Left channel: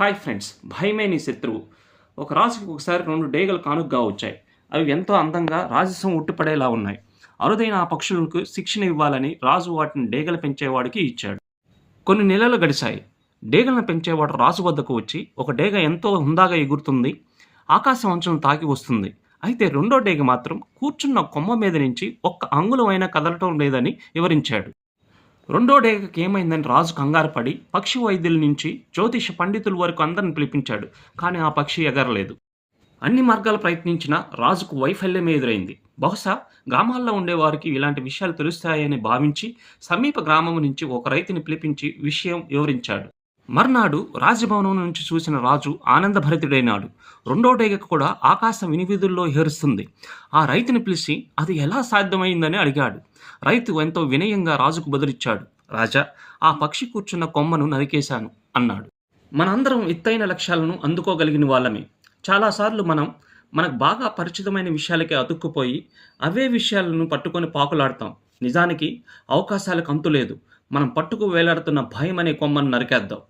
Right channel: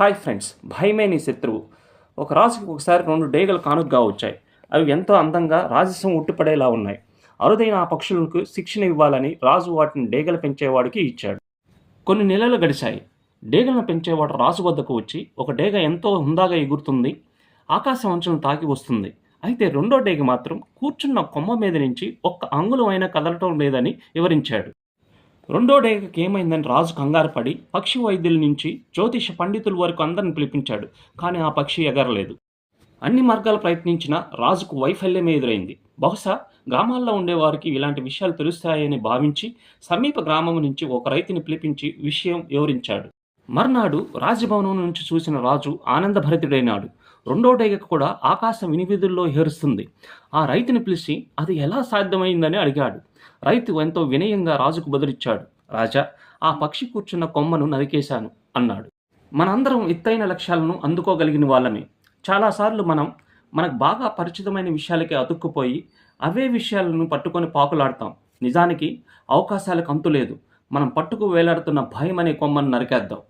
Hi friends, భయమే నీ శత్రువు. ఒక రాజుకి ఒకసారి 2 డేగలు కానుకగా వచ్చాయి. అవి ఎంతో అందంగా రాజసం ఉట్టిపడేలా ఉన్నాయి. అరుదైన ఆ పక్షులకు శిక్షణ ఇవ్వాలని రాజు వాటిని డేగలు పెంచేవాడికి ఇచ్చాడు. కొన్ని నెలలు గడిచాయి. డేగలను పెంచేవాడు రాజు వద్దకు వచ్చి, ఒక డేగ ఎంతో హుందాగా ఎగురుతుంది, ఆకాశం అంచులను తాకి వస్తుంది. అయితే రెండో డేగ మాత్రం కూర్చున్న కొమ్మ మీద నుంచి ఒక్క అంగుళమైనా కదలటం లేదని వివరించాడు. రెండో డేగకి ఏమైందని రాజు కంగారు పడి పక్షి వైద్యుల నుంచి జ్యోతిష పండితుల వరకు అందరిని పిలిపించాడు. కానీ ఆ పక్షి ఎగరలేదు. అన్ని మార్గాలు ప్రయత్నించినా రాజుకు వైఫల్యమే ఎదురైంది. బహుశా గ్రామాల్లో ఉండేవారికి ఇలాంటి విషయాలు తెలుస్తాయని భావించి సమీప గ్రామం నుంచి ఒక రైతుని పిలిపించి విషయం వివరించాడు. మర్నాడు రాజభవనం నుంచి చూసిన రాజు ఆనందభరితుడైనాడు. రెండో డేగకు కూడా ఆకాశం వినివిధుల్లో హెరుస్తుంది. ఆ రైతుని పిలిచి అది ఎలా సాధ్యమైందని అడిగాడు. రైతు ఎంతో వినయంగా రాజుకు బదులిచ్చాడు. రాజా, ఆ పక్షి కూర్చున్న కొమ్మను నరికేశాను అన్నాడు. మనందరం ఎత్తైన లక్ష్యాలను అందుకోగలిగిన వాళ్ళమే. చాలాసార్లు మనకు బాగా పరిచితమైన విషయాలకే అతుక్కుపోయి అవే విషయాలను పట్టుకొని పాకులాడతాం. నిజానికి అవకాశాలకు అంతులేదు. మనం పట్టుకు వేలాడుతున్న భయం అనే కొమ్మను నరికేద్దాం.